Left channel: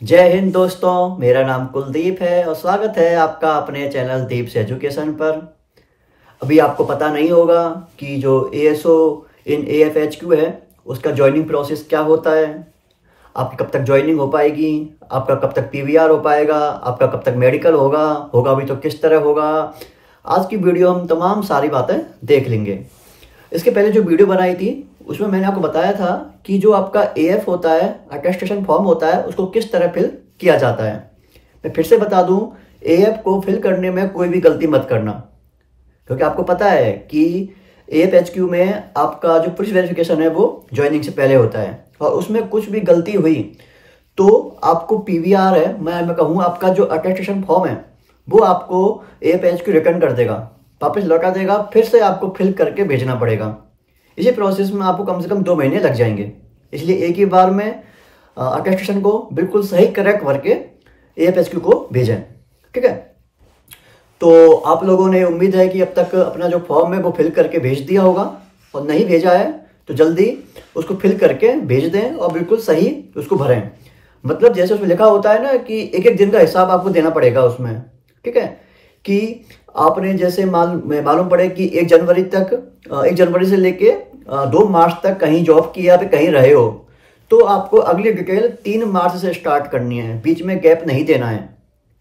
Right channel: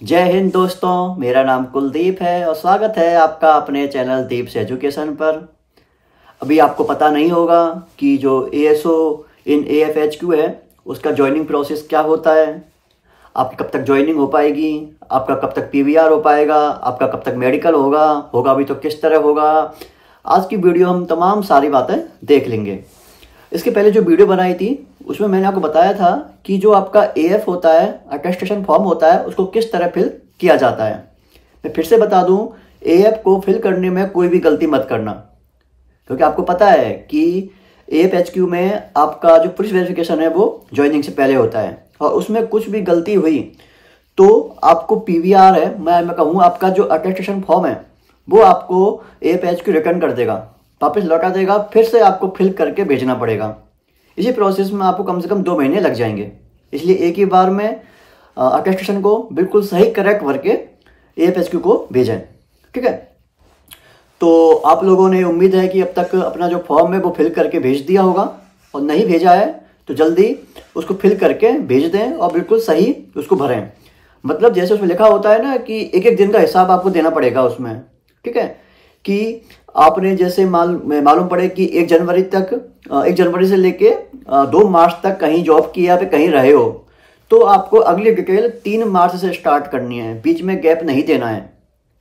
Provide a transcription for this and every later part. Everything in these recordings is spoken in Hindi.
जय हिंद दोस्तों, मेरा नाम कुलदीप है और स्वागत है आपका अपने चैनल दीप्स एजुकेशन पर। अभी आपको पता नहीं होगा कि जो ASO इन AFHQ है उसका ज्वाइनिंग प्रोसेस क्या होता है, आपकी कब तक ज्वाइनिंग हो पाएगी, आपका कब तक PVR हो पाएगा, आपका कब तक मेडिकल होगा भी तो किस तरह होगा। आज की वीडियो हम तमाम सारी बातें देख लेंगे। इसके पहले जो वीडियो बनाई थी उसमें मैंने आपको बताया था कि जो आपका AF होता है, अटेस्टेशन फॉर्म होता है, उसको किस तरह फिल किया जाता है। मैं फिर से बता दूं, AF को फिल करने में कोई भी गलती मत करना, क्योंकि आपको पता है कि AFHQ में आपका जो पुलिस वेरिफिकेशन है वो ज्वाइनिंग से पहले होता है और उसमें कुछ भी गलती हुई तो आपको PVR है, मैं कहूँ आपका जो अटेस्टेशन फॉर्म है वो आपको AFHQ रिटर्न कर देगा, वापस लौटा देगा, फिर से आपको फिल करके भेजना पड़ेगा। इसी प्रोसेस में आपको कम से कम 2 महीने लग जाएंगे। इसलिए एक ही बार में अटेस्टेशन को बिल्कुल सही करेक्ट भर के AFHQ को भेजें, ठीक है। तो आप लोगों ने उम्मीद है कि अब तक अपना जो फॉर्म है वो फिल करके भेज दिया होगा, और नहीं भेजा है तो जल्दी उसको फिल करके भेज दें और बिल्कुल सही उसको भरें। मतलब जैसे उसमें लिखा होता है ना कि एक एक दिन का हिसाब आपको देना पड़ेगा उसमें, ठीक है। कि आपने जैसे मालूम पड़े कि 1 जनवरी से लेके 2 मार्च तक कहीं जॉब किया फिर कहीं रहे हो, तो आपको अगली डिटेल 3 मार्च से स्टार्ट करनी है, बीच में गैप नहीं देना है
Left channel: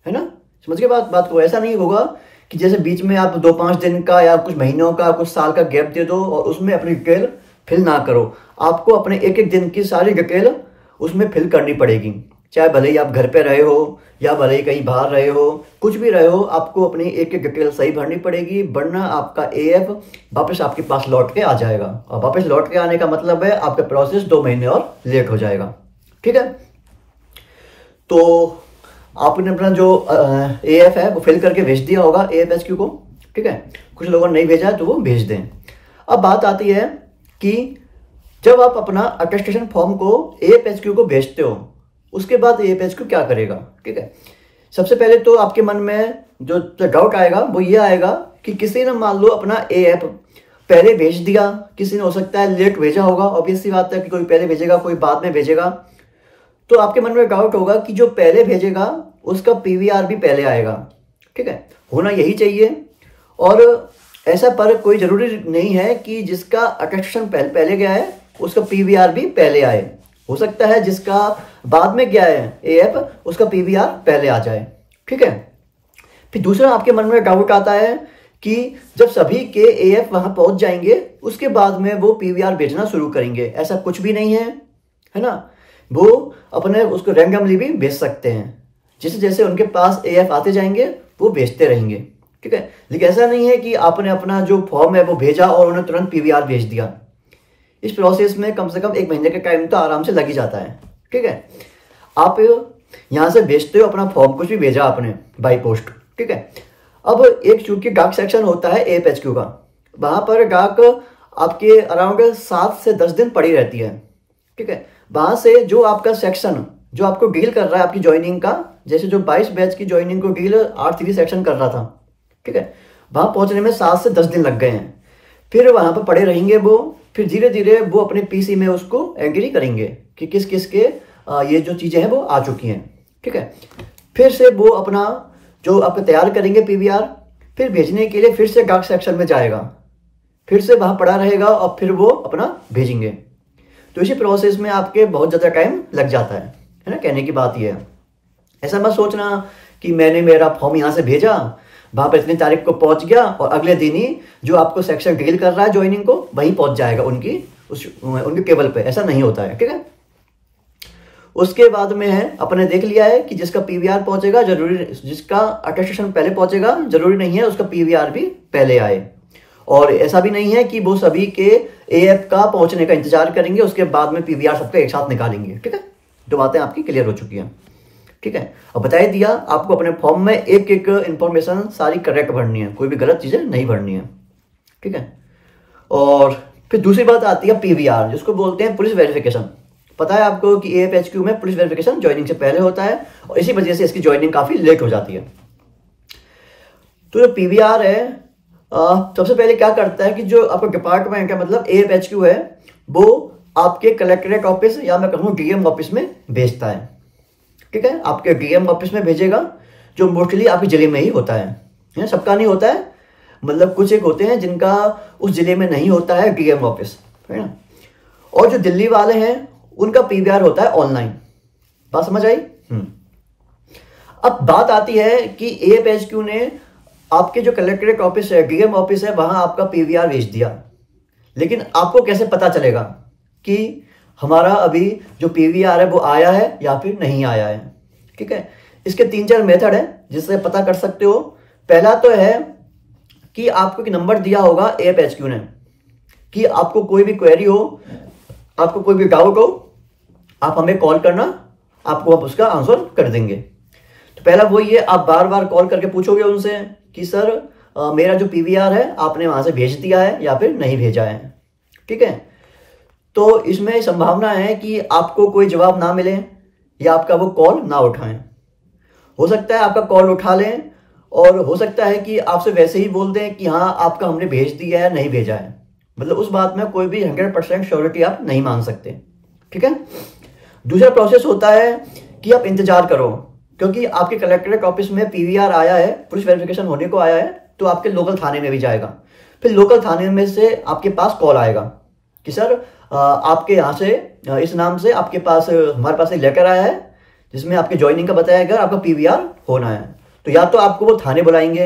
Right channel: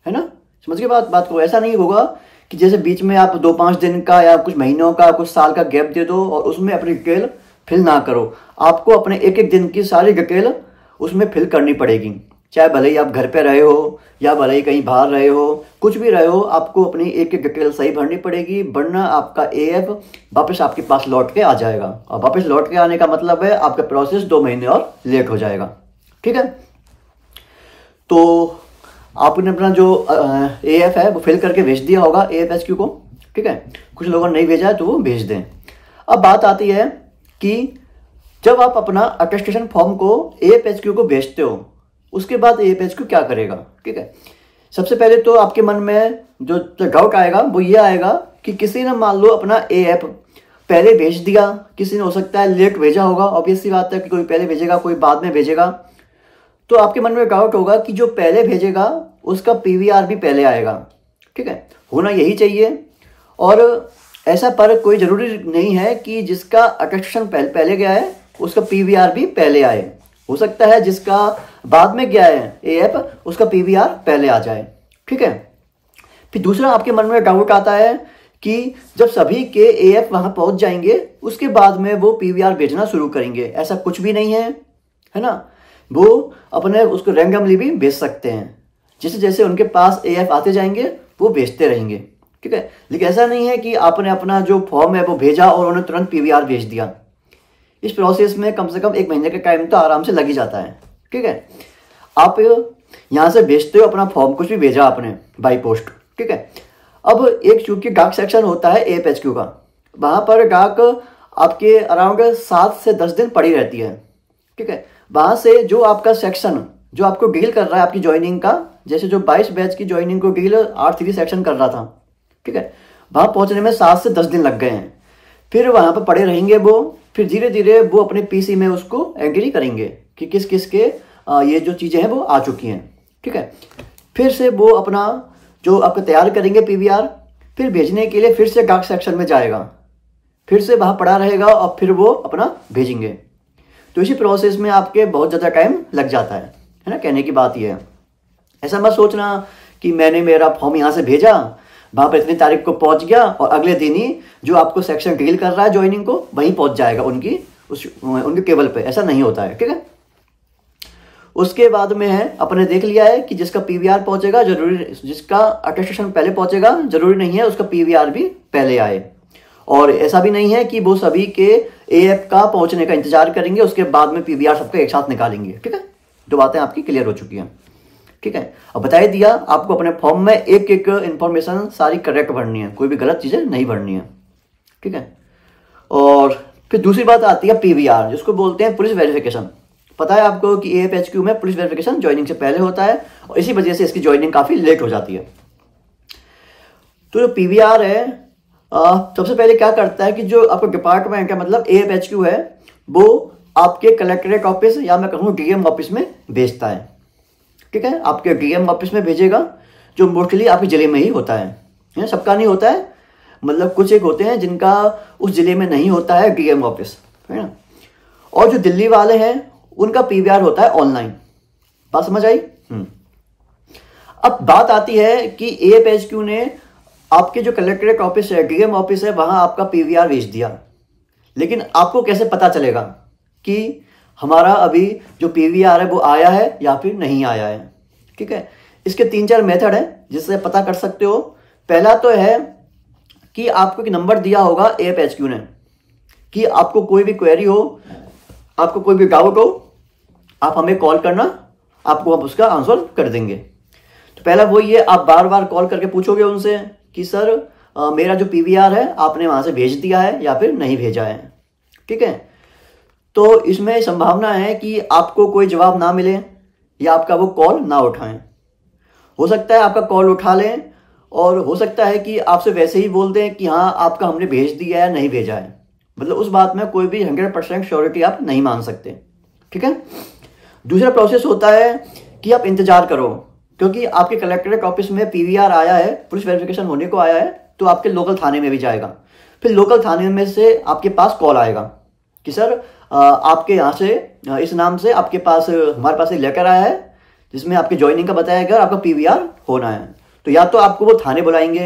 ना। समझ के बात को ऐसा नहीं होगा कि जैसे बीच में आप 2-5 दिन का या कुछ महीनों का कुछ साल का गैप दे दो और उसमें अपनी डिटेल फिल ना करो। आपको अपने एक एक दिन की सारी डिटेल उसमें फिल करनी पड़ेगी, चाहे भले ही आप घर पे रहे हो या भले ही कहीं बाहर रहे हो, कुछ भी रहे हो, आपको अपनी एक एक डिटेल सही भरनी पड़ेगी, वरना आपका AF वापस आपके पास लौट के आ जाएगा। और वापस लौट के आने का मतलब है आपका प्रोसेस 2 महीने और लेट हो जाएगा, ठीक है। तो आपने अपना जो AF है वो फिल करके भेज दिया होगा AFHQ को, ठीक है। कुछ लोगों ने नहीं भेजा है तो वो भेज दें। अब बात आती है कि जब आप अपना अटेस्टेशन फॉर्म को AFHQ को भेजते हो, उसके बाद AFHQ क्या करेगा, ठीक है। सबसे पहले तो आपके मन में जो डाउट आएगा वो ये आएगा कि किसी ने मान लो अपना AF पहले भेज दिया, किसी ने हो सकता है लेट भेजा होगा, ऑब्वियस सी बात है कि कोई पहले भेजेगा कोई बाद में भेजेगा। तो आपके मन में डाउट होगा कि जो पहले भेजेगा उसका PVR भी पहले आएगा, ठीक है। होना यही चाहिए, और ऐसा पर कोई जरूरी नहीं है कि जिसका अटेस्टेशन पहले गया है उसका PVR भी पहले आए। हो सकता है जिसका बाद में गया है AF उसका PVR पहले आ जाए, ठीक है। फिर दूसरा आपके मन में डाउट आता है कि जब सभी के AF वहां पहुंच जाएंगे उसके बाद में वो PVR भेजना शुरू करेंगे। ऐसा कुछ भी नहीं है ना। वो अपने उसको रैंडमली भी भेज सकते हैं, जैसे जैसे उनके पास AF आते जाएंगे वो भेजते रहेंगे, ठीक है। लेकिन ऐसा नहीं है कि आपने अपना जो फॉर्म है वो भेजा और उन्हें तुरंत PVR भेज दिया। इस प्रोसेस में कम से कम 1 महीने का टाइम तो आराम से लग ही जाता है, ठीक है। आप यहां से भेजते हो अपना फॉर्म, कुछ भी भेजा आपने बाई पोस्ट, ठीक है। अब एक चूंकि डाक सेक्शन होता है AFHQ का, वहां पर डाक आपके अराउंड 7 से 10 दिन पड़ी रहती है, ठीक है। वहां से जो आपका सेक्शन जो आपको डील कर रहा है आपकी ज्वाइनिंग का, जैसे जो 22 बैच की ज्वाइनिंग को डील R3 सेक्शन कर रहा था, ठीक है, वहां पहुंचने में 7 से 10 दिन लग गए हैं। फिर वहां पर पड़े रहेंगे वो, फिर धीरे धीरे वो अपने PC में उसको एग्री करेंगे कि किस किस के ये जो चीजें हैं वो आ चुकी हैं, ठीक है। फिर से वो अपना जो आपको तैयार करेंगे PVR, फिर भेजने के लिए फिर से डाक सेक्शन में जाएगा, फिर से वहां पड़ा रहेगा और फिर वो अपना भेजेंगे। तो इसी प्रोसेस में आपके बहुत ज्यादा टाइम लग जाता है ना। कहने की बात यह है, ऐसा मत सोचना कि मैंने मेरा फॉर्म यहां से भेजा, वहां पर इतनी तारीख को पहुंच गया और अगले दिन ही जो आपको सेक्शन डील कर रहा है ज्वाइनिंग को वहीं पहुंच जाएगा उनके केबल पे। ऐसा नहीं होता है, ठीक है। उसके बाद में है अपने देख लिया है कि जिसका PVR पहुंचेगा जरूरी, जिसका अटेस्टेशन पहले पहुंचेगा जरूरी नहीं है उसका PVR भी पहले आए, और ऐसा भी नहीं है कि वो सभी के AF का पहुंचने का इंतजार करेंगे उसके बाद में PVR सबको एक साथ निकालेंगे, ठीक है। 2 बातें आपकी क्लियर हो चुकी हैं, ठीक है। अब बता ही दिया आपको अपने फॉर्म में एक एक इंफॉर्मेशन सारी करेक्ट भरनी है, कोई भी गलत चीजें नहीं भरनी है, ठीक है। और फिर दूसरी बात आती है PVR, जिसको बोलते हैं पुलिस वेरिफिकेशन। पता है आपको कि AFHQ में पुलिस वेरिफिकेशन ज्वाइनिंग से पहले होता है और इसी वजह से इसकी ज्वाइनिंग काफी लेट हो जाती है। तो जो PVR है सबसे पहले क्या करता है कि जो आपका डिपार्टमेंट है, मतलब AFHQ है, वो आपके कलेक्ट्रेट ऑफिस या मैं कहूँ DM ऑफिस में भेजता है, ठीक है, आपके डीएम ऑफिस में भेजेगा, जो मोस्टली आपके जिले में ही होता है, सबका नहीं होता है, मतलब कुछ एक होते हैं जिनका उस जिले में नहीं होता है डीएम ऑफिस, है ना। और जो दिल्ली वाले हैं उनका पीवीआर होता है ऑनलाइन। बात समझ आई? अब बात आती है कि एएफएचक्यू ने आपके जो कलेक्ट्रेट ऑफिस है, डीएम ऑफिस है, वहां आपका पीवीआर भेज दिया, लेकिन आपको कैसे पता चलेगा कि हमारा अभी जो पीवीआर है वो आया है या फिर नहीं आया है? ठीक है, इसके 3-4 मेथड है जिससे पता कर सकते हो। पहला तो है कि आपको एक नंबर दिया होगा एएफएचक्यू ने कि आपको कोई भी क्वेरी हो, आपको कोई भी डाउट हो, आप हमें कॉल करना, आपको हम उसका आंसर कर देंगे। तो पहला वही है, आप बार बार कॉल करके पूछोगे उनसे कि सर मेरा जो पीवीआर है आपने वहां से भेज दिया है या फिर नहीं भेजा है। ठीक है, तो इसमें संभावना है कि आपको कोई जवाब ना मिले या आपका वो कॉल ना उठाएं। हो सकता है आपका कॉल उठा लें और हो सकता है कि आपसे वैसे ही बोल दें कि हाँ आपका हमने भेज दिया है, नहीं भेजा है। मतलब उस बात में कोई भी 100% श्योरिटी आप नहीं मान सकते। ठीक है, दूसरा प्रोसेस होता है कि आप इंतजार करो, क्योंकि आपके कलेक्ट्रेट ऑफिस में पीवीआर आया है, पुलिस वेरिफिकेशन होने को आया है, तो आपके लोकल थाने में भी जाएगा। फिर लोकल थाने में से आपके पास कॉल आएगा कि सर आपके यहाँ से इस नाम से आपके पास हमारे पास एक लेटर आया है जिसमें आपके ज्वाइनिंग का बताया गया, आपका पीवीआर होना है। तो या तो आपको वो थाने बुलाएंगे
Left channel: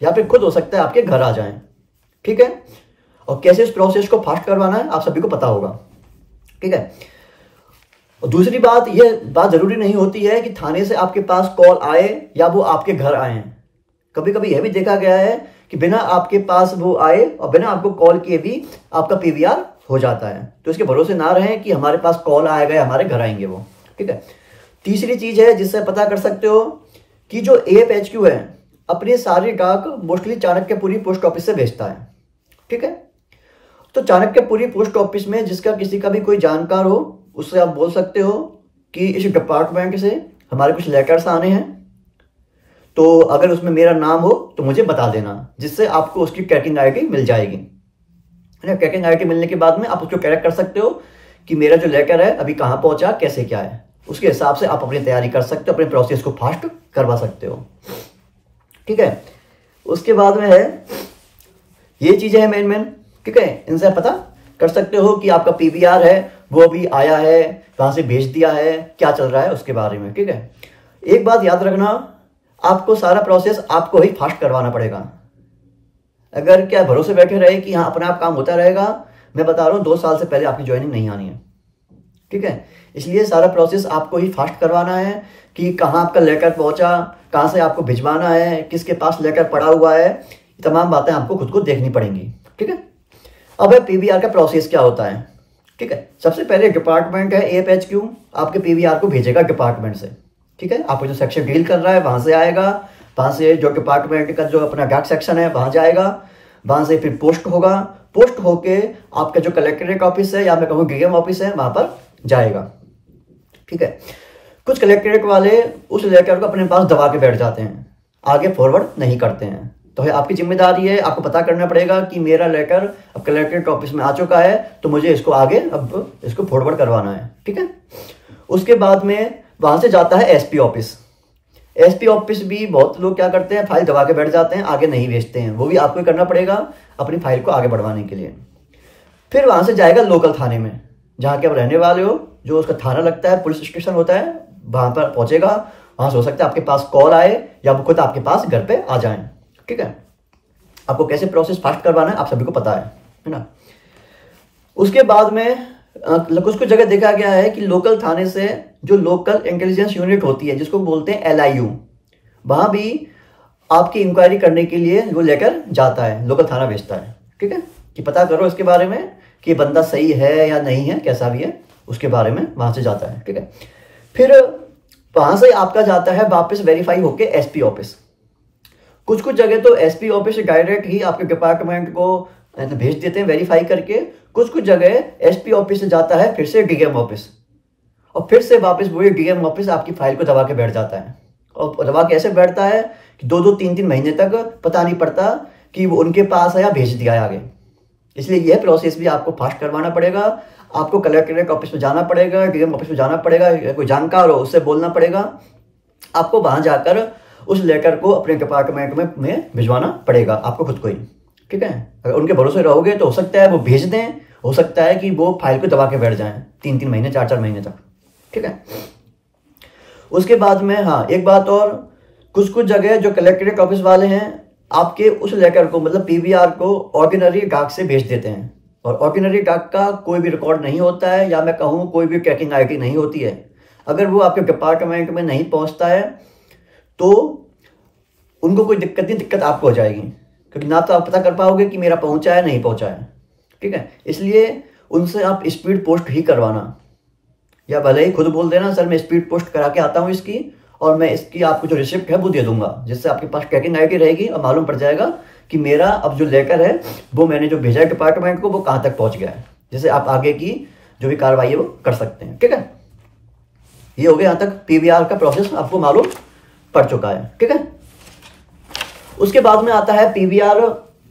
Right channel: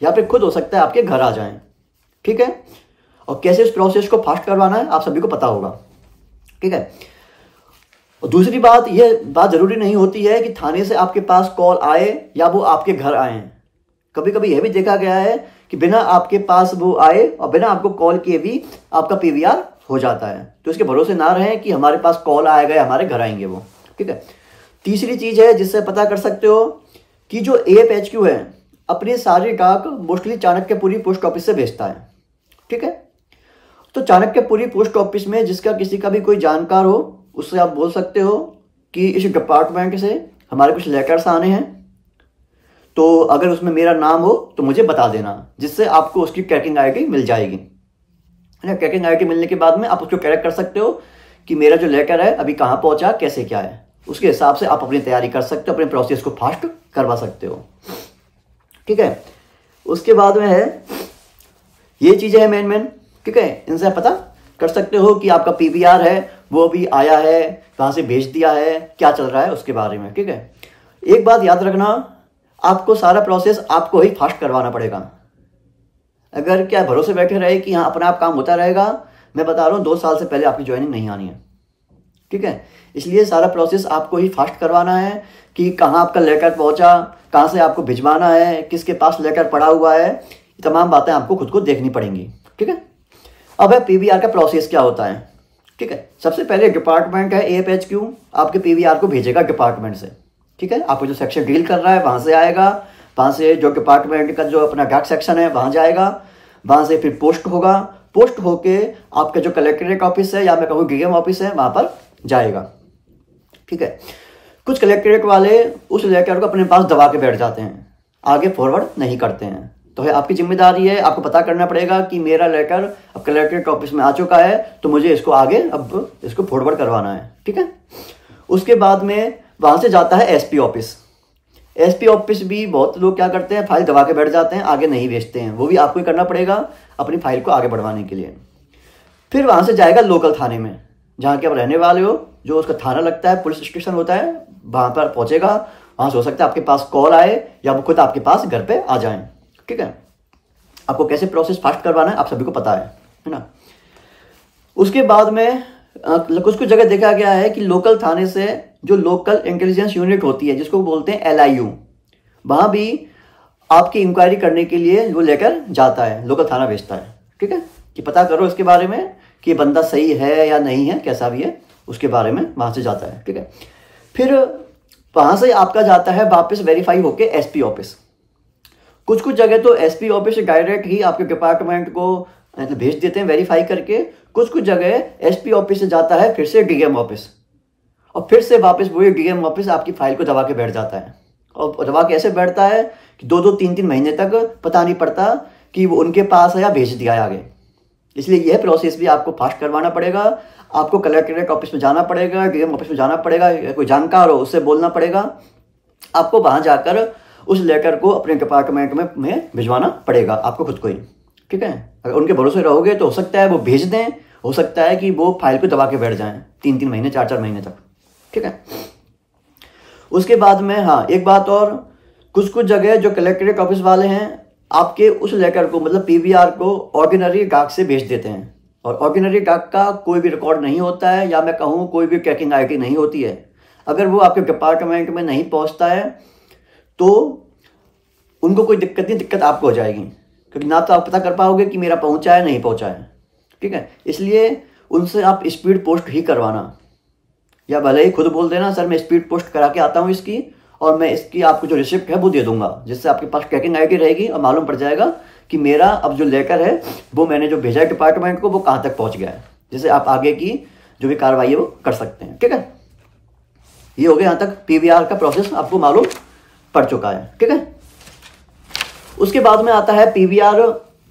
या फिर खुद हो सकता है आपके घर आ जाएं। ठीक है, और कैसे इस प्रोसेस को फास्ट करवाना है आप सभी को पता होगा। ठीक है, और दूसरी बात, यह बात जरूरी नहीं होती है कि थाने से आपके पास कॉल आए या वो आपके घर आए। कभी कभी यह भी देखा गया है कि बिना आपके पास वो आए और बिना आपको कॉल किए भी आपका पीवीआर हो जाता है। तो इसके भरोसे ना रहें कि हमारे पास कॉल आएगा या हमारे घर आएंगे वो। ठीक है, तीसरी चीज है जिससे पता कर सकते हो कि जो एएफएचक्यू है अपनी सारी डाक मोस्टली चाणक्यपुरी पोस्ट ऑफिस से भेजता है। ठीक है, तो चाणक्यपुरी पोस्ट ऑफिस में जिसका किसी का भी कोई जानकार हो उससे आप बोल सकते हो कि इस डिपार्टमेंट से हमारे कुछ लेटर्स आने हैं, तो अगर उसमें मेरा नाम हो तो मुझे बता देना, जिससे आपको उसकी ट्रैकिंग आईडी मिल जाएगी। ट्रैकिंग आईडी मिलने के बाद में आप उसको ट्रैक कर सकते हो कि मेरा जो लेटर है अभी कहाँ पहुंचा, कैसे क्या है। उसके हिसाब से आप अपनी तैयारी कर सकते हो, अपने प्रोसेस को फास्ट करवा सकते हो। ठीक है, उसके बाद में है ये चीजें हैं मेन। ठीक है, इनसे आप पता कर सकते हो कि आपका पीवीआर है वो भी आया है, कहां से भेज दिया है, क्या चल रहा है उसके बारे में। ठीक है, एक बात याद रखना, आपको सारा प्रोसेस आपको ही फास्ट करवाना पड़ेगा। अगर क्या भरोसे बैठे रहे कि हाँ अपना आप काम होता रहेगा, मैं बता रहा हूं 2 साल से पहले आपकी ज्वाइनिंग नहीं आनी है। ठीक है, इसलिए सारा प्रोसेस आपको ही फास्ट करवाना है कि कहाँ आपका लेटर पहुंचा, कहाँ से आपको भिजवाना है, किसके पास लेटर पड़ा हुआ है, तमाम बातें आपको खुद को देखनी पड़ेंगी। ठीक है, अब है पीवीआर का प्रोसेस क्या होता है। ठीक है, सबसे पहले डिपार्टमेंट है एएफएचक्यू आपके पीवीआर को भेजेगा डिपार्टमेंट से। ठीक है, आपको जो सेक्शन डील कर रहा है वहां से आएगा, वहां से जो डिपार्टमेंट का जो अपना डाक सेक्शन है वहां जाएगा, वहां से फिर पोस्ट होगा, पोस्ट होके आपका जो कलेक्ट्रेट ऑफिस है या मैं कहूँ डीएम ऑफिस है वहां पर जाएगा। ठीक है, कुछ कलेक्ट्रेट वाले उस लेटर को अपने पास दबा के बैठ जाते हैं, आगे फॉरवर्ड नहीं करते हैं। तो है आपकी जिम्मेदारी है, आपको पता करना पड़ेगा कि मेरा लेटर अब कलेक्ट्रेट ऑफिस में आ चुका है, तो मुझे इसको आगे अब इसको फॉरवर्ड करवाना है। ठीक है, उसके बाद में वहां से जाता है एसपी ऑफिस। एसपी ऑफिस भी बहुत लोग क्या करते हैं, फाइल दबा के बैठ जाते हैं, आगे नहीं भेजते हैं। वो भी आपको करना पड़ेगा अपनी फाइल को आगे बढ़वाने के लिए। फिर वहां से जाएगा लोकल थाने में, जहाँ के आप रहने वाले हो, जो उसका थाना लगता है, पुलिस स्टेशन होता है, वहां पर पहुंचेगा। वहां से हो सकता है आपके पास कॉल आए या वो खुद आपके पास घर पे आ जाए। ठीक है, आपको कैसे प्रोसेस फास्ट करवाना है आप सभी को पता है ना। उसके बाद में कुछ जगह देखा गया है कि लोकल थाने से जो लोकल इंटेलिजेंस यूनिट होती है जिसको बोलते हैं LIU, वहां भी आपकी इंक्वायरी करने के लिए वो लेकर जाता है, लोकल थाना भेजता है। ठीक है, कि पता करो इसके बारे में कि बंदा सही है या नहीं है, कैसा भी है, उसके बारे में वहां से जाता है। ठीक है, फिर वहां से आपका जाता है वापस वेरीफाई होके एसपी ऑफिस। कुछ जगह तो एसपी ऑफिस डायरेक्ट ही आपके डिपार्टमेंट को भेज देते हैं वेरीफाई करके। कुछ जगह एसपी ऑफिस से जाता है फिर से डीएम ऑफिस, और फिर से वापस वही डीएम ऑफिस आपकी फाइल को दबा के बैठ जाता है। और दबा के ऐसे बैठता है कि 2-2, 3-3 महीने तक पता नहीं पड़ता कि वो उनके पास है या भेज दिया है आगे। इसलिए यह प्रोसेस भी आपको फास्ट करवाना पड़ेगा आपको कलेक्ट्रेट ऑफिस में जाना पड़ेगा, डीएम ऑफिस में जाना पड़ेगा, या कोई जानकार हो उससे बोलना पड़ेगा, आपको वहां जाकर उस लेटर को अपने डिपार्टमेंट में भिजवाना पड़ेगा आपको खुद को ही, ठीक है। अगर उनके भरोसे रहोगे तो हो सकता है वो भेज दें, हो सकता है कि वो फाइल को दबा के बैठ जाएं 3-3 महीने 4-4 महीने तक, ठीक है। उसके बाद में हाँ एक बात और, कुछ जगह जो कलेक्ट्रेट ऑफिस वाले हैं आपके उस लेटर को मतलब पीवीआर को ऑर्डिनरी डाक से भेज देते हैं, और ऑर्डिनरी डाक का कोई भी रिकॉर्ड नहीं होता है, या मैं कहूँ कोई भी ट्रैकिंग आईडी नहीं होती है। अगर वो आपके डिपार्टमेंट में नहीं पहुंचता है तो उनको कोई दिक्कत नहीं, दिक्कत आपको हो जाएगी, क्योंकि ना तो आप पता कर पाओगे कि मेरा पहुंचा है नहीं पहुंचा है, ठीक है। इसलिए उनसे आप स्पीड पोस्ट ही करवाना, या भले ही खुद बोल देना सर मैं स्पीड पोस्ट करा के आता हूँ इसकी, और मैं इसकी आपको जो रिसिप्ट है वो दे दूंगा, जिससे आपके पास ट्रैकिंग आईडी रहेगी और मालूम पड़ जाएगा कि मेरा अब जो लेटर है वो मैंने जो भेजा है डिपार्टमेंट को वो कहाँ तक पहुंच गया है, जिससे आप आगे की जो भी कार्रवाई है वो कर सकते हैं, ठीक है। ये हो गया यहाँ तक पीवीआर का प्रोसेस आपको मालूम पड़ चुका है, ठीक है। उसके बाद में आता है पीवीआर,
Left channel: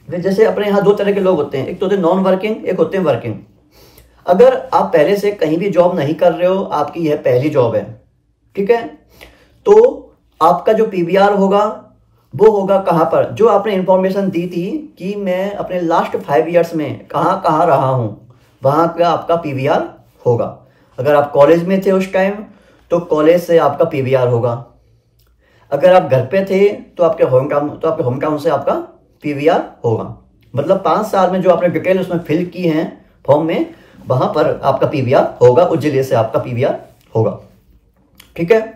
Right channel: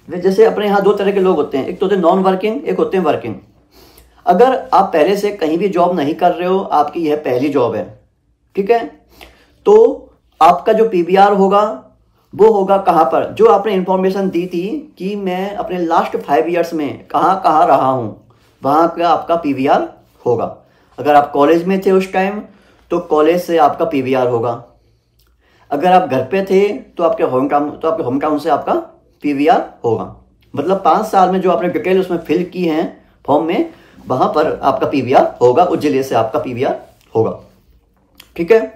जैसे अपने यहाँ 2 तरह के लोग होते हैं, एक तो होते हैं नॉन वर्किंग, एक होते हैं वर्किंग। अगर आप पहले से कहीं भी जॉब नहीं कर रहे हो, आपकी यह पहली जॉब है, ठीक है, तो आपका जो पीवीआर होगा वो होगा कहाँ पर, जो आपने इंफॉर्मेशन दी थी कि मैं अपने लास्ट 5 ईयर्स में कहाँ कहाँ रहा हूँ, वहाँ का आपका पीवीआर होगा। अगर आप कॉलेज में थे उस टाइम तो कॉलेज से आपका पीवीआर होगा, अगर आप घर पे थे तो आपके होम टाउन से आपका पीवीआर होगा। मतलब 5 साल में जो आपने डिटेल उसमें फिल की है फॉर्म में, वहां पर आपका पीवीआर होगा, उस जिले से आपका पीवीआर होगा, ठीक है।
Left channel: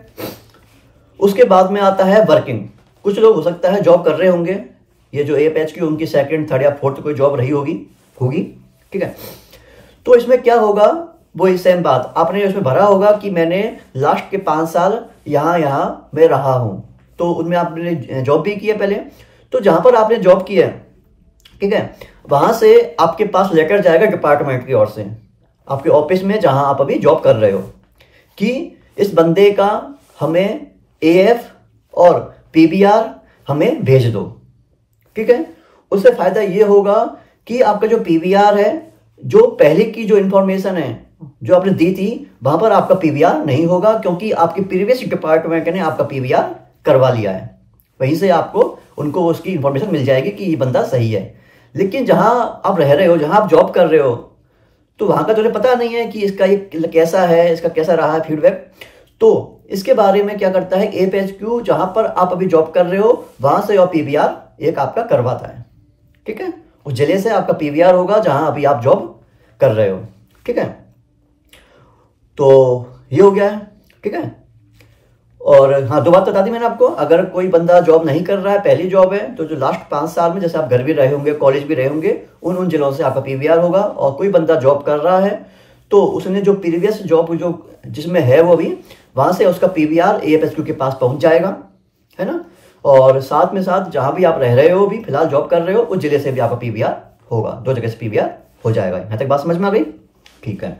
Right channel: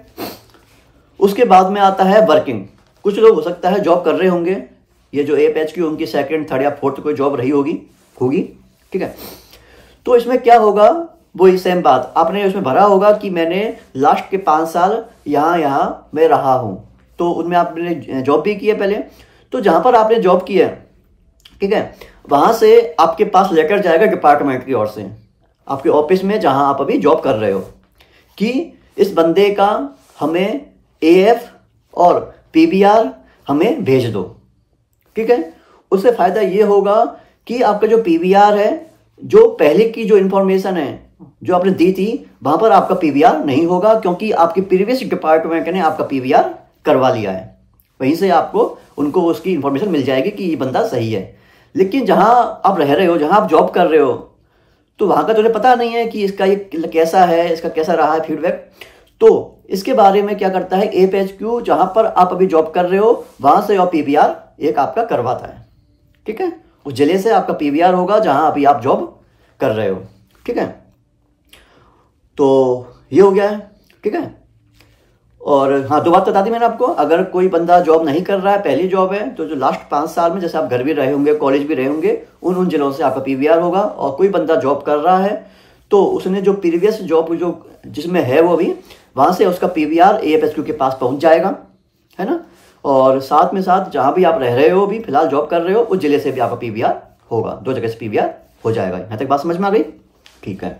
उसके बाद में आता है वर्किंग। कुछ लोग हो सकता है जॉब कर रहे होंगे, ये जो एपीएच की उनकी 2nd, 3rd या 4th कोई जॉब रही होगी, ठीक है। तो इसमें क्या होगा, वही सेम बात आपने इसमें भरा होगा कि मैंने लास्ट के 5 साल यहाँ मैं रहा हूं, तो उनमें आपने जॉब भी की है पहले, तो जहां पर आपने जॉब की है, ठीक है, वहां से आपके पास लेटर जाएगा डिपार्टमेंट की ओर से आपके ऑफिस में जहां आप अभी जॉब कर रहे हो, कि इस बंदे का हमें एएफ और पीवीआर हमें भेज दो, ठीक है। उससे फायदा ये होगा कि आपका जो पीवीआर है, जो पहले की जो इंफॉर्मेशन है जो आपने दी थी, वहां पर आपका पीवीआर नहीं होगा, क्योंकि आपके प्रीवियस डिपार्टमेंट ने आपका पीवीआर करवा लिया है, वहीं से आपको उनको उसकी इंफॉर्मेशन मिल जाएगी कि ये बंदा सही है। लेकिन जहां आप रह रहे हो, जहां आप जॉब कर रहे हो, तो वहां का तुझे पता नहीं है कि इसका ये कैसा है, इसका कैसा रहा है फीडबैक। तो इसके बारे में क्या करता है एपीएचक्यू, जहां पर आप अभी जॉब कर रहे हो वहां से और पीवीआर एक आपका करवाता है, ठीक है। उस जिले से आपका पीवीआर होगा जहां अभी आप जॉब कर रहे हो, ठीक है। तो ये हो गया है, ठीक है। और हाँ 2 बात बता दी मैंने आपको, अगर कोई बंदा जॉब नहीं कर रहा है, पहली जॉब है, तो जो लास्ट 5 साल में जैसे आप घर भी रहे होंगे, कॉलेज भी रहे होंगे, उन जिलों से आपका पीवीआर होगा। और कोई बंदा जॉब कर रहा है तो उसने जो प्रीवियस जॉब जो जिसमें है वो अभी, वहां से उसका पीवीआर एएफएचक्यू के पास पहुंच जाएगा, है ना। और साथ में साथ जहां भी आप रह रहे हो, भी फिलहाल जॉब कर रहे हो, उस जिले से भी आपका पीवीआर होगा, 2 जगह से पीवीआर हो जाएगा। यहां तक बात समझ में आ गई, ठीक है।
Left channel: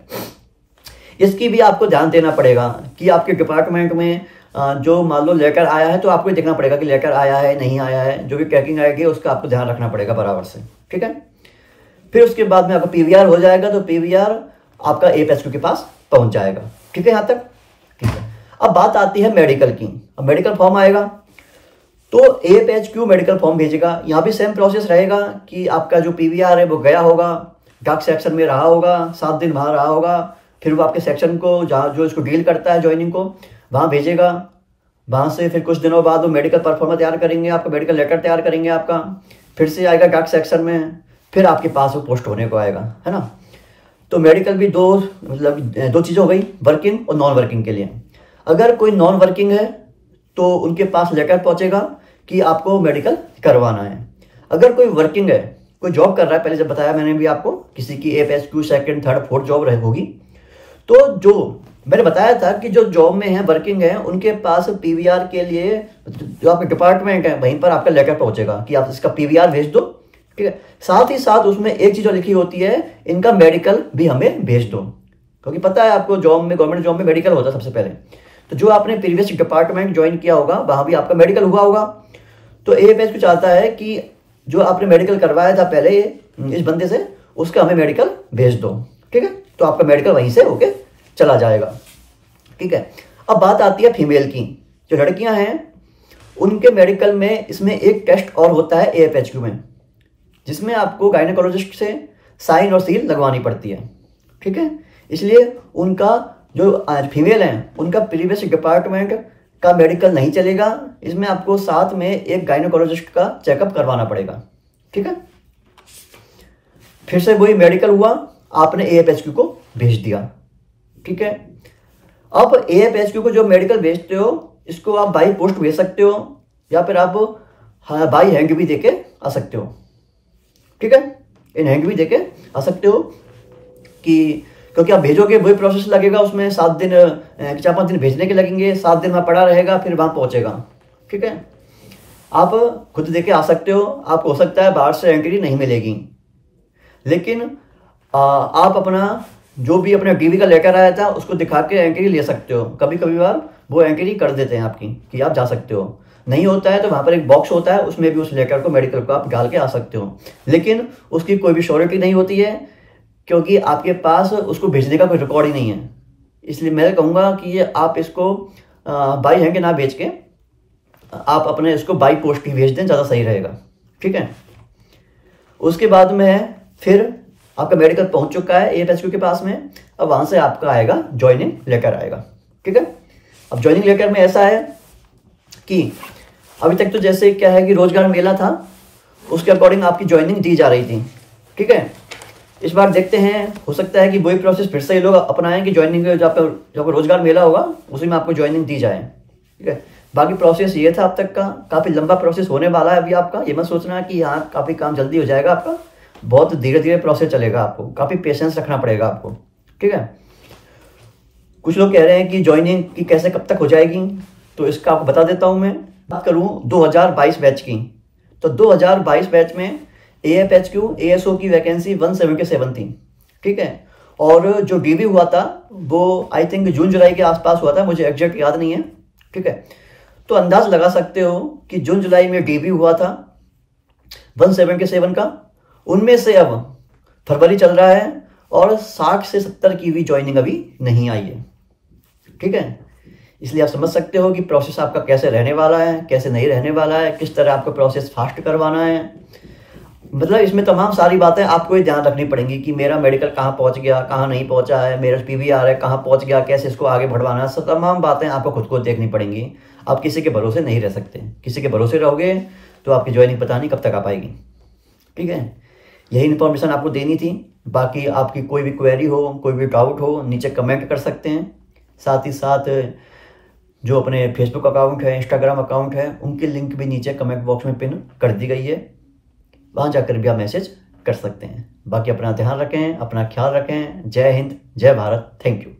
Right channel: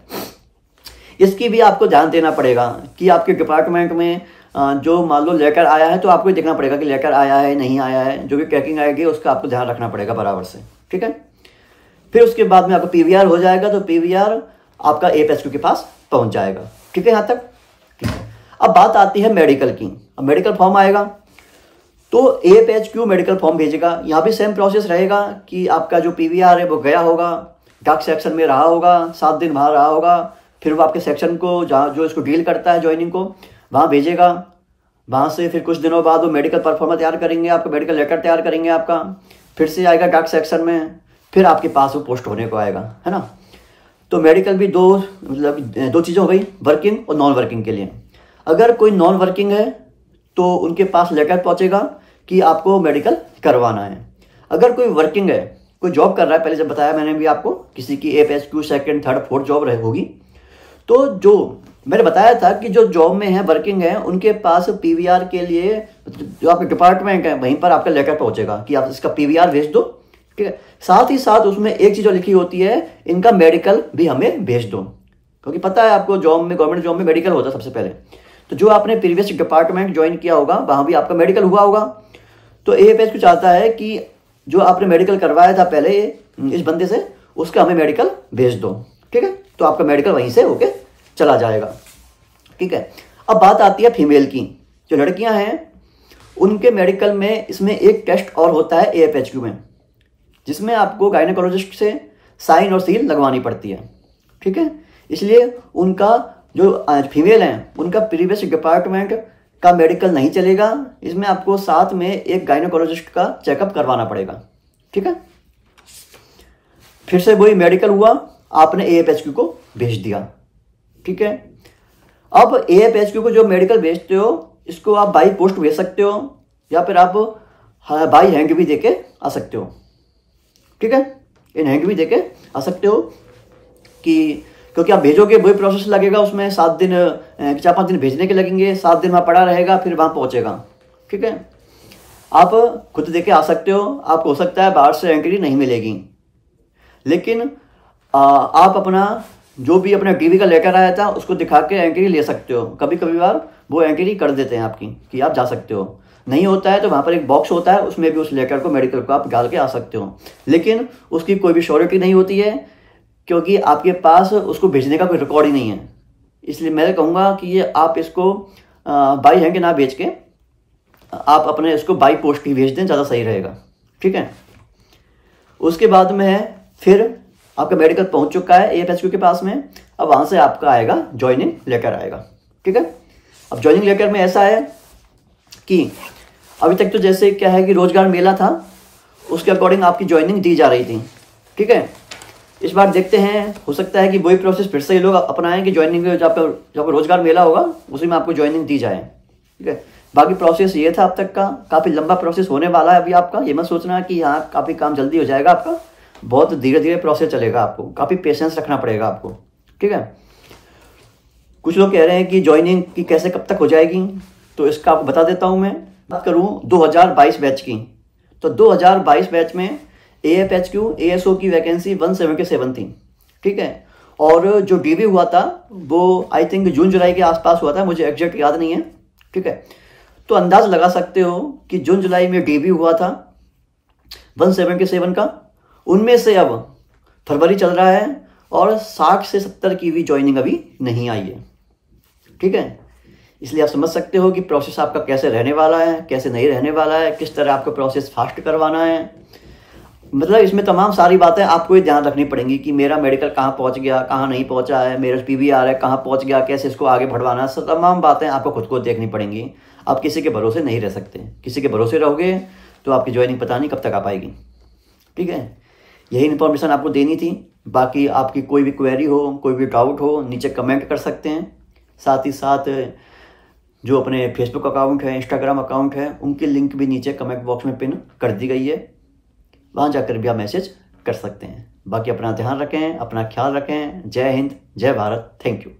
इसकी भी आपको ध्यान देना पड़ेगा कि आपके डिपार्टमेंट में जो मान लो लेटर आया है, तो आपको देखना पड़ेगा कि लेटर आया है नहीं आया है, जो भी ट्रैकिंग आएगी उसका आपको ध्यान रखना पड़ेगा बराबर से, ठीक है। फिर उसके बाद में आपका पीवीआर हो जाएगा, तो पीवीआर आपका एपीएचक्यू के पास पहुंच जाएगा, ठीक है यहाँ तक, ठीक है। अब बात आती है मेडिकल की। अब मेडिकल फॉर्म आएगा तो एपीएचक्यू मेडिकल फॉर्म भेजेगा। यहाँ भी सेम प्रोसेस रहेगा कि आपका जो पीवीआर है वो गया होगा, डाक सेक्शन में रहा होगा, 7 दिन बाहर रहा होगा, फिर वो आपके सेक्शन को जहाँ जो इसको डील करता है ज्वाइनिंग को, वहाँ भेजेगा। वहाँ से फिर कुछ दिनों बाद वो मेडिकल परफॉर्मा तैयार करेंगे, आपका मेडिकल लेटर तैयार करेंगे आपका, फिर से आएगा डाक सेक्शन में, फिर आपके पास वो पोस्ट होने को आएगा, है ना। तो मेडिकल भी 2 चीज़ें हो गई, वर्किंग और नॉन वर्किंग के लिए। अगर कोई नॉन वर्किंग है तो उनके पास लेटर पहुंचेगा कि आपको मेडिकल करवाना है। अगर कोई वर्किंग है, कोई जॉब कर रहा है, पहले जब बताया मैंने भी आपको, किसी की एपीएचक्यू 2nd, 3rd, 4th जॉब रहे होगी, तो जो मैंने बताया था कि जो जॉब में है, वर्किंग है, उनके पास पीवीआर के लिए जो आपका डिपार्टमेंट है वहीं पर आपका लेटर पहुंचेगा कि आप इसका पीवीआर भेज दो, ठीक है। साथ ही साथ उसमें एक चीज लिखी होती है, इनका मेडिकल भी हमें भेज दो, क्योंकि पता है आपको जॉब में, गवर्नमेंट जॉब में मेडिकल होता है सबसे पहले। तो जो आपने प्रीवियस डिपार्टमेंट ज्वाइन किया होगा वहां भी आपका मेडिकल हुआ होगा, तो एपीएचक्यू चाहता है कि जो आपने मेडिकल करवाया था पहले इस बंदे से, उसका हमें मेडिकल भेज दो, ठीक है, तो आपका मेडिकल वहीं से होके चला जाएगा। ठीक है, अब बात आती है फीमेल की। जो लड़कियां हैं उनके मेडिकल में इसमें एक टेस्ट और होता है AFHQ में, जिसमें आपको गायनेकोलॉजिस्ट से साइन और सील लगवानी पड़ती है। ठीक है, इसलिए उनका जो फीमेल हैं उनका प्रीवियस डिपार्टमेंट का मेडिकल नहीं चलेगा, इसमें आपको साथ में एक गायनेकोलॉजिस्ट का चेकअप करवाना पड़ेगा। ठीक है, फिर से वही मेडिकल हुआ, आपने AFHQ को भेज दिया। ठीक है, अब AFHQ को जो मेडिकल भेजते हो इसको आप बाई पोस्ट भेज सकते हो या फिर आप बाई हैंड भी देके आ सकते हो। ठीक है, इन हैंड भी देके आ सकते हो कि क्योंकि आप भेजोगे वही प्रोसेस लगेगा, उसमें 7 दिन 4-5 दिन भेजने के लगेंगे, 7 दिन वहाँ पड़ा रहेगा, फिर वहाँ पहुँचेगा। ठीक है, आप खुद देके आ सकते हो। आपको हो सकता है बाहर से एंट्री नहीं मिलेगी, लेकिन आप अपना जो भी अपना DV का लेटर आया था उसको दिखा के एंट्री ले सकते हो। कभी कभी बार वो एंट्री कर देते हैं आपकी कि आप जा सकते हो। नहीं होता है तो वहाँ पर एक बॉक्स होता है, उसमें भी उस लेटर को मेडिकल को आप डाल के आ सकते हो, लेकिन उसकी कोई भी श्योरिटी नहीं होती है क्योंकि आपके पास उसको भेजने का कोई रिकॉर्ड ही नहीं है। इसलिए मैं कहूँगा कि ये आप इसको बाई हैंड ना भेज के आप अपने इसको बाई पोस्ट ही भेज दें, ज़्यादा सही रहेगा। ठीक है, उसके बाद में फिर आपका मेडिकल पहुंच चुका है AFHQ के पास में। अब वहां से आपका आएगा ज्वाइनिंग लेटर आएगा। ठीक है, अब ज्वाइनिंग लेटर में ऐसा है कि अभी तक तो जैसे क्या है कि रोजगार मेला था उसके अकॉर्डिंग आपकी ज्वाइनिंग दी जा रही थी। ठीक है, इस बार देखते हैं, हो सकता है कि वही प्रोसेस फिर से ये लोग अपनाएं कि ज्वाइनिंग जो आपका रोजगार मेला होगा उसी में आपको ज्वाइनिंग दी जाए। ठीक है, बाकी प्रोसेस ये था अब तक का, काफ़ी लंबा प्रोसेस होने वाला है अभी आपका। ये मत सोचना कि हाँ काफ़ी काम जल्दी हो जाएगा आपका, बहुत धीरे धीरे प्रोसेस चलेगा, आपको काफ़ी पेशेंस रखना पड़ेगा आपको। ठीक है, कुछ लोग कह रहे हैं कि ज्वाइनिंग की कैसे कब तक हो जाएगी, तो इसका आपको बता देता हूं। मैं बात करूं 2022 बैच की, तो 2022 बैच में AFHQ ASO की वैकेंसी 177 थी। ठीक है, और जो DV हुआ था वो आई थिंक जून जुलाई के आसपास हुआ था, मुझे एग्जैक्ट याद नहीं है। ठीक है, तो अंदाज लगा सकते हो कि जून जुलाई में DV हुआ था 177 का, उनमें से अब फरवरी चल रहा है और 60 से 70 की भी ज्वाइनिंग अभी नहीं आई है। ठीक है, इसलिए आप समझ सकते हो कि प्रोसेस आपका कैसे रहने वाला है, कैसे नहीं रहने वाला है, किस तरह आपको प्रोसेस फास्ट करवाना है। मतलब इसमें तमाम सारी बातें आपको ही ध्यान रखनी पड़ेंगी कि मेरा मेडिकल कहाँ पहुँच गया, कहाँ नहीं पहुँचा है, मेरा PVR है कहाँ पहुँच गया, कैसे इसको आगे बढ़वाना है। सब तमाम बातें आपको खुद को देखनी पड़ेंगी। आप किसी के भरोसे नहीं रह सकते, किसी के भरोसे रहोगे तो आपकी ज्वाइनिंग पता नहीं कब तक आ पाएगी। ठीक है, यही इन्फॉर्मेशन आपको देनी थी। बाकी आपकी कोई भी क्वेरी हो, कोई भी डाउट हो, नीचे कमेंट कर सकते हैं। साथ ही साथ जो अपने फेसबुक अकाउंट है, इंस्टाग्राम अकाउंट है, उनकी लिंक भी नीचे कमेंट बॉक्स में पिन कर दी गई है, वहाँ जाकर भी आप मैसेज कर सकते हैं। बाकी अपना ध्यान रखें, अपना ख्याल रखें। जय हिंद, जय भारत, थैंक यू।